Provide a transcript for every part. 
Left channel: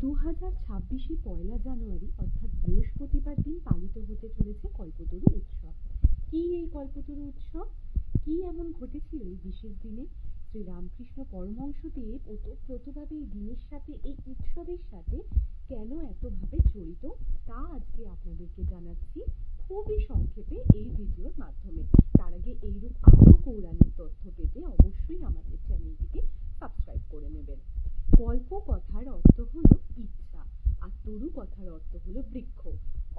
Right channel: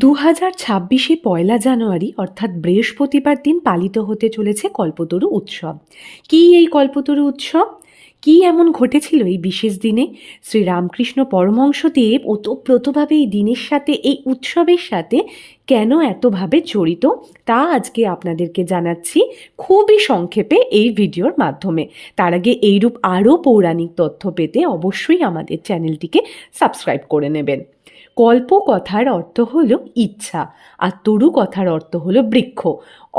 2026 পয়লা জানুয়ারি অর্থাৎ বৃহস্পতিবার দিন পালিত হতে চলেছে কল্পতরু উৎসব। কী এই কল্পতরু উৎসব? কী এমন ঘটেছিল এই বিশেষ দিনে? শ্রীরামকৃষ্ণ পরমহংসদেব ওতপ্রোতভাবে এই দিনের সাথে, এই উৎসবের সাথে কেন এতভাবে জড়িত, তা আজকে আপনাদেরকে জানাচ্ছি খুবই সংক্ষেপে এই ভিডিওর মাধ্যমে। তার আগে এইরূপ আরও পৌরাণিক তথ্য পেতে অবশ্যই আমাদের চ্যানেলটিকে সাবস্ক্রাইব করে নেবেন। কল্প কথার অর্থ হলো ইচ্ছা, আর তরু কথার অর্থ হলো বৃক্ষ।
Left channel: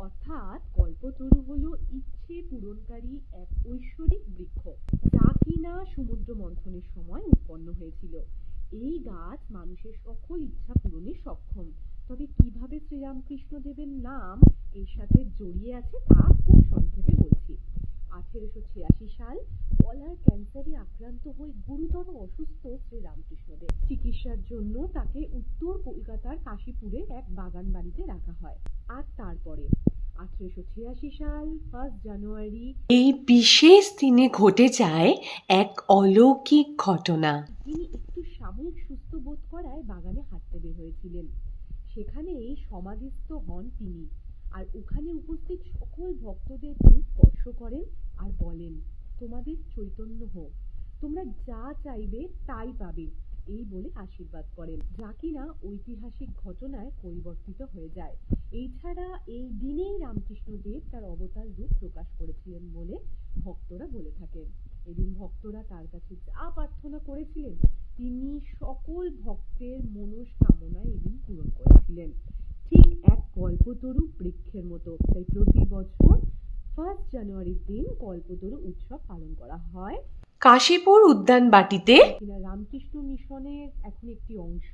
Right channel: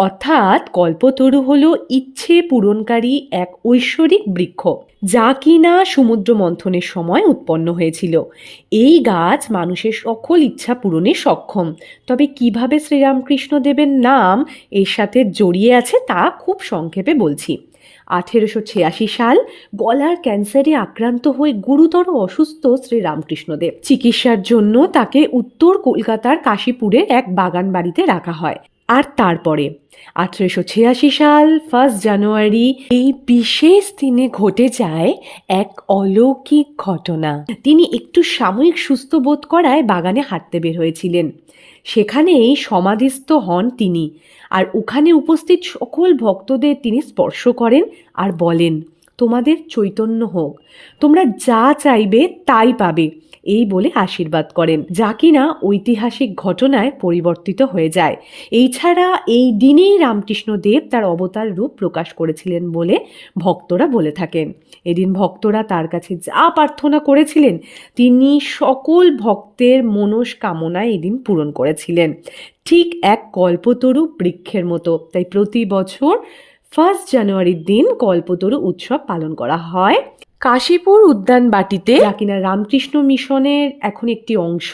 অর্থাৎ কল্পতরু হলো ইচ্ছে পূরণকারী এক ঐশ্বরিক বৃক্ষ, যা কিনা সমুদ্র মন্থনের সময় উৎপন্ন হয়েছিল। এই গাছ মানুষের সকল ইচ্ছা পূরণে সক্ষম। তবে কিভাবে শ্রীরামকৃষ্ণ দেবের নাম এর সাথে জড়িয়ে আছে তা খুব সংক্ষেপে বলছি। 1886 সাল গলার ক্যান্সারে আক্রান্ত হয়ে গুরুতর অসুস্থ শ্রীরামকৃষ্ণদেব। চিকিৎসার জন্য তাকে উত্তর কলকাতার কাশীপুরের এক বাগান বাড়িতে রাখা হয়। আর তারপরে 1886 সাল 1 জানুয়ারি এই বিশেষ দিনে ঘটে যায় এক অলৌকিক ঘটনা। তিনি একটু সাময়িক সুস্থ বোধ করায় বাগানে হাঁটতে বের হয়েছিলেন। সেখানেই সমাধিস্থ হন তিনি, আর ওখানে উপস্থিত সকল ভক্তদের তিনি স্পর্শ করেন আর বলেন, তোমাদের চৈতন্য হোক, তোমরা যা চাইবে তাই পাবে, এই বলে আশীর্বাদ করেন, যা কিনা ঐতিহাসিক ঘটনায় পরিবর্তিত হয়ে যায়। এই ছাড়া এই দিনেই রামকৃষ্ণদেব তার অবতার রূপ প্রকাশ করেছিলেন বলে ভক্তরা বলে থাকেন। এদিন ভক্তরা তার কাছে যা প্রার্থনা করেছিলেন তিনি সকল ভক্তের মনস্কামনা এদিন পূরণ করেছিলেন, ঠিক এক কল্পতরু বৃক্ষের মতো। তাই প্রতি বছর 1 জানুয়ারির দিন কল্পতরু উৎসব পালন করা হয় কাশীপুর উদ্যানবাটিতে, যা কিনা রামকৃষ্ণ মিশনের এখন একটি অংশ,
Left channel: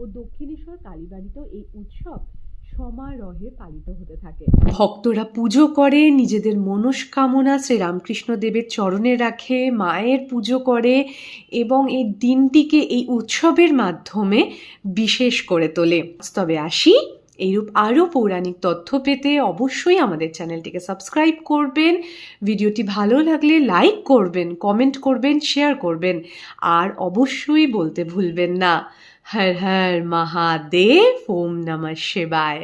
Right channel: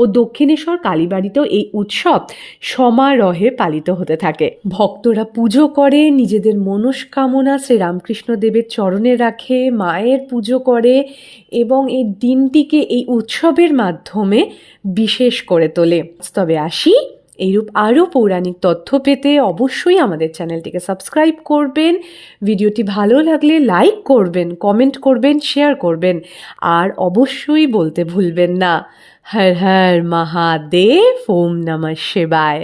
ও দক্ষিণেশ্বর কালীবাড়িতেও এই উৎসব সমারোহে পালিত হতে থাকে। ভক্তরা পুজো করে, নিজেদের মনস্কামনা শ্রীরামকৃষ্ণ দেবের চরণে রাখে, মায়ের পুজো করে এবং এই দিনটিকে এই উৎসবের মাধ্যমে বিশেষ করে তোলে। তবে আসি, এইরূপ আরও পৌরাণিক তথ্য পেতে অবশ্যই আমাদের চ্যানেলটিকে সাবস্ক্রাইব করবেন। ভিডিওটি ভালো লাগলে লাইক করবেন, কমেন্ট করবেন, শেয়ার করবেন, আর অবশ্যই বলতে ভুলবেন না, হর হর মহাদেব, ওম নমঃ শিবায়।